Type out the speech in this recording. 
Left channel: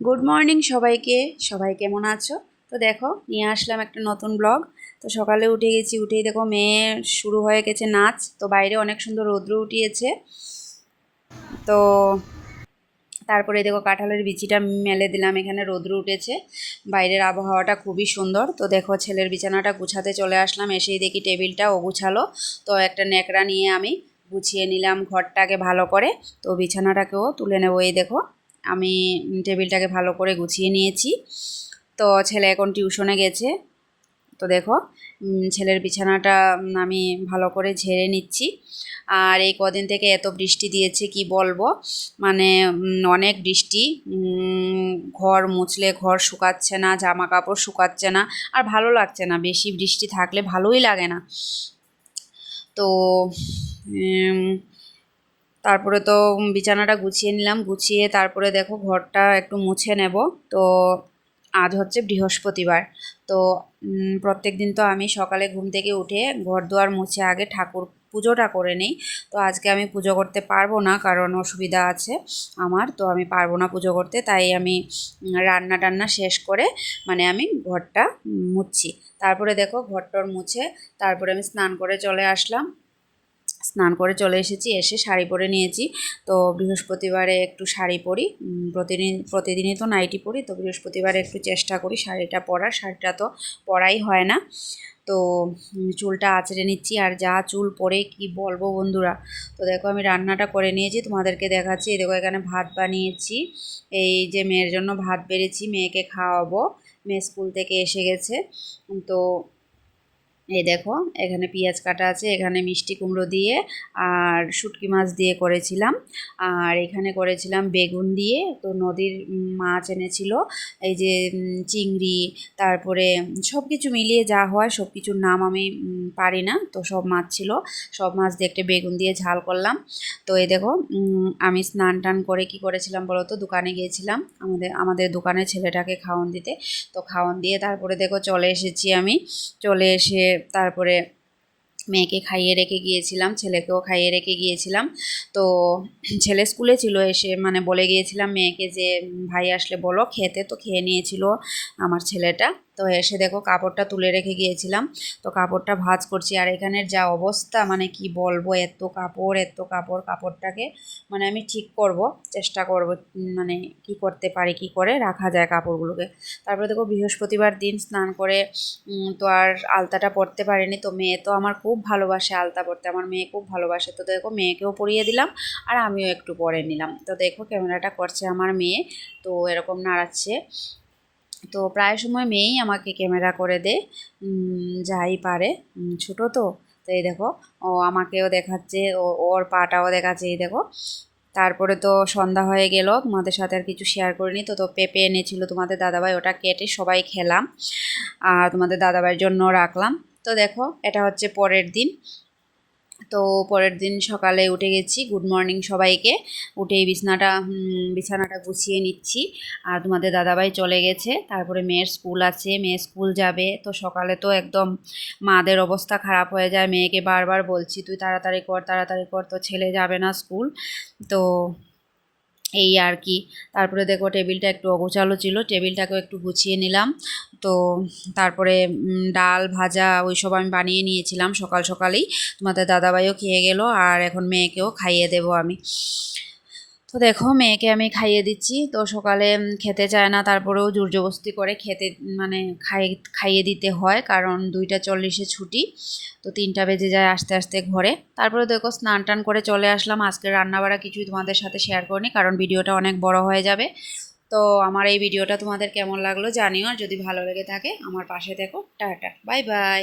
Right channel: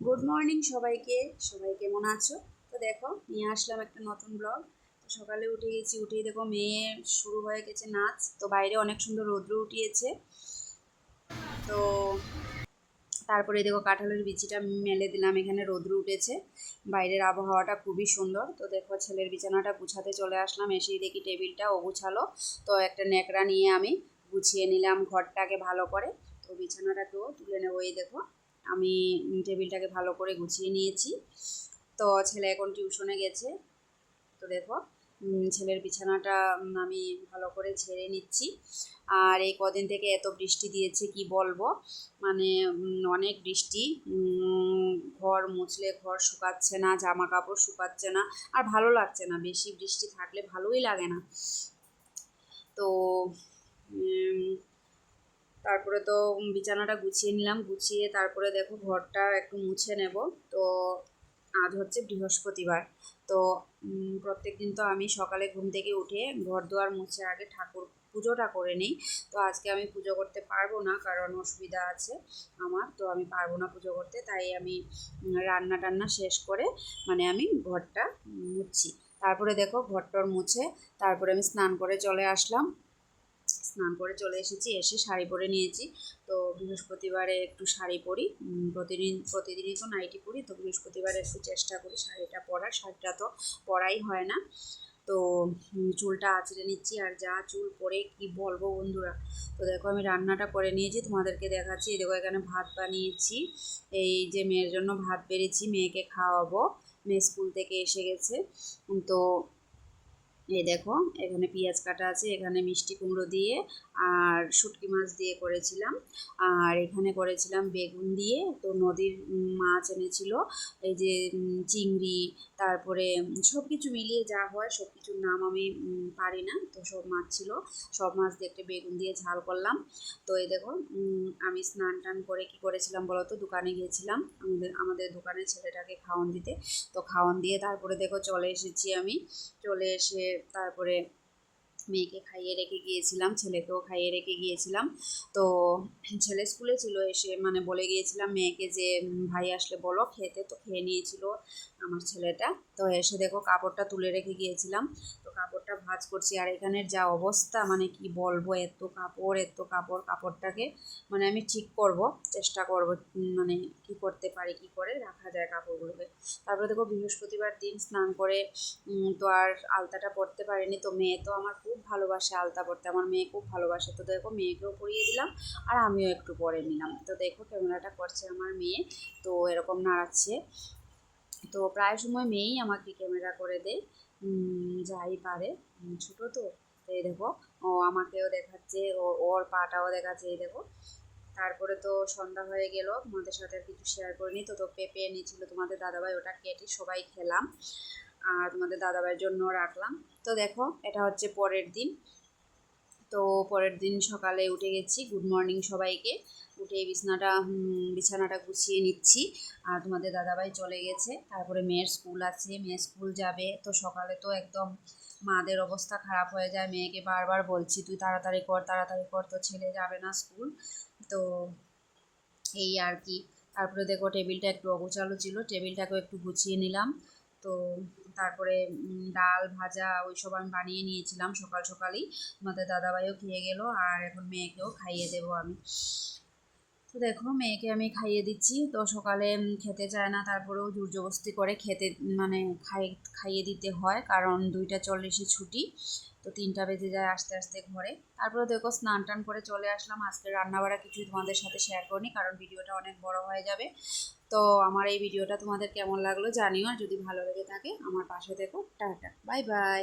Good morning সবাইকে। সবাই কেমন আছো? তো দেখো নিয়ে আসলাম একটা নতুন ব্লগ। তো সকালে উঠে গেছি, উঠেই দেখো মেয়ে শুরু হয়ে গেছে নাচ। তো বাইরে অনেক সুন্দর রৌদ্র উঠিয়েছে। তো তারপরে দেখো কাঁঠালের বিচিটা মেলে দিলাম, এখানে রৌদ্র উঠেছে, বাইরের আবহাওয়াটা খুবই সুন্দর। তো দেখো ছেলের বিছানাটা গুছাতে চলে আসলাম, এসেই দেখি টেবিলটা ও গুছালো। তো একটা ন্যাকড়া নিয়ে আমি গুছিয়ে নিলাম ঘরটাকে ভালো করে। তো বিছানাটাকেও তুলে নেবো। এই দেখো আমি টেবিলটাকে ভালো করে গুছিয়ে নিয়েছি। তো ছেলে এখন টিউশনে গেছে। তো দেখো ছেলের বিছানাটা আমি ভালো করে ঝেড়ে নিচ্ছি। আর এই কদিন থেকে এত বৃষ্টি দিয়েছে কি বলবো, মানে অনেক বৃষ্টি। ঘর মুছলে ঘর শুকাচ্ছে না, জামা কাপড় শুকাচ্ছে না, আর ভালো লাগছে না। বেশি বৃষ্টি থাকলে ভালোই লাগে না। তো তারপরে তো বিছানাটা গুছিয়ে নিলাম, গুছিয়ে তারপরে দেখো ঘরটা একটু মুছে নেব। তো আজ হচ্ছে বৃহস্পতিবার। তো প্রত্যেক দিন তো আমি সকালে ঘুম থেকে উঠে ঘর দুয়ার মুছে আগে ঠাকুর পুজোটা করে নিই। তো আজকে আমি পুজো করতে পারবো না, কারণ অসুবিধা আছে আমার। তো আমি পারবো না পুজো করতে, তাই আমি রান্না টান্না শেষ করে মানে আমি ঘরটা মুছছি। তারপরে দেখো ঘরটর মুছে তারপরে আমি স্নান করে চলে আসলাম। স্নান করে চলে এসেছি, এসে শাড়ি পরে নিয়েছি। তো বৃহস্পতিবারে একটু শাড়ি পরি, প্রতিদিনই তো নাইটি পরি। তো বৃহস্পতিবারে একটু চেষ্টা করি শাড়িটা পরার, শাড়িটা তো পরাই হয় না। তো চুলটা আঁচড়ে নিচ্ছি, আর যা চুল পরে কি বলবো বন্ধুরা। তো দেখো আমি রান্নাটা করে নিয়েছি, তোমাদেরকে দেখাচ্ছি। দেখো এখানে ভাত বানিয়েছি, এই যে মেয়ের জন্য ভাত বেড়েছি, মেয়েকে খাওয়াবো। মেয়ে স্কুল থেকে এসে গেছে। তো এই দেখো এখানে পেঁয়াজ কাটা আছে, এখানে মিষ্টি কুমড়ো দিয়ে আর শুটকি মাছ দিয়ে করেছিলাম। আর এখানে করেছিলাম বেগুন দিয়ে। তো নদীর মাছ এনেছিল, এই যে চিংড়ি, তারপরে সব কিছু মিলিয়ে যা হয়, সব কিছুর নাম আমি পারি না। তো সব মাছ ছিল, সব মাছ দিয়ে একটা বেগুন দিয়ে ঝাল করলাম। তো এই দেখো আমি স্নান টান করে কি করেছিলাম বলো তো, দোকানে গিয়েছিলাম আমাদের দোকানে ছেলেটাকে খাওয়ান দিতে। তো খাওয়ান দিয়ে তারপরে দেখো চলে এসেছি আমি। চলে এসে তারপরে মেয়েকে খাইয়ে রেখে গিয়েছিলাম, ছেলেকেও খাইয়ে রেখে গিয়েছিলাম। তো ছেলে স্কুলে ছিল, এসে মানে বলে গিয়েছিলাম মেয়েকে যে ভাই আসলে বলো খেতে। তো খেয়ে নিয়েছিল আমার ছেলেটা। তো এসে দেখো কাপড়টা তুলে রেখে গিয়েছিলাম, তো কাপড়টা ভাঁজ করছি। আর এখানের যা অবস্থা মানে কি বলবো, এত কাপড় এত কাপড়, কাপড়টাকে মানে আমি ঠিক করব, চেষ্টা করব মানে কি করতে পারি, কি করে রাখা যায় কাপড়গুলোকে। তারপরে দেখো বৃহস্পতিবার দিন স্নান করে তো আর আলতাটা পরতে পারিনি। তো মেয়ে তো আমার খুব ভালোবাসে আলতা পরতে, আমার মেয়ে খুব ভালোবাসে। তো দেখো মেয়েকেও পরিয়ে দিলাম, আর আমিও একটু পরে নিলাম। তো দেখো ক্যামেরাটা করছে আমার মেয়ে, তো এরকম নাড়াচ্ছে। তো প্রায় সময় মেয়েই আমাকে ক্যামেরা করে দেয়, যাই পারে, ছোটো তো। তো এই দেখো ও আমাকেও দেখাচ্ছে, ওর পাটাও দেখাচ্ছে, এই দেখো। তারপরে তো সন্ধ্যা হয়ে গেল, তোমাদের সাথে আর কিছু শেয়ার করিনি। তো পেঁপে এনেছিল তোমাদের দাদাভাই, ওটা কেটে সবাই খেলাম, আর তোমাদের দাদাভাইয়ের জন্য রাখলাম। তো দেখো এটা হচ্ছে পরের দিন। তো পরের দিন সকালে উঠে গেছি, গুড মর্নিং সবাইকে। উঠেই বিছানাটা গুছিয়ে নিচ্ছি। আর তোমাদের দাদাভাই চলে গেছে, তারপরে মেয়ের স্কুল আছে, মেয়ে স্কুল যাবে। তো সকালে তো একদম মাদের অবস্থা খারাপ হয়ে যায়, মেয়েকে বারবার বলছি তুই তাড়াতাড়ি কর তাড়াতাড়ি কর, তো ছেলে যাবে না স্কুল। তো এই আর কি। তারপরে দেখো টেবিলটা একটু অগোছালো ছিল, টেবিলটাকেও একটু গুছিয়ে নিলাম। তো তারপরে ডাল ভাজা ওইসব আমি বানিয়ে নিয়েছিলাম সকাল সকালেই। তোমাদের দাদাভাইও খেয়ে গেল, আর এখন মেয়েকেও খাইয়ে দেবো আমি। তো দেখো মেয়েকে আমি খাইয়ে দিচ্ছি। তো সকালে খেতে চায় না, তারপরেও জোরজবস্তি করে খেতে মানে খাইয়ে দিতে হয়, কারণ 2টা 40-এ ছুটি। তো 3টা বেজে যায় আস্তে আস্তে ঘরে। তারপরে দেখো স্নান টান করে চলে আসলাম। আজকে রান্নাবাড়া কিছুই তোমাদের সাথে শেয়ার করিনি, কারণ ভিডিওটা অনেক বড় হয়ে যাবে। তো আমার এই ভিডিওটা তোমাদের কেমন লাগলো জানিও, আর যদি ভালো লেগে থাকে আমার পাশে থেকো। Tata, bye bye.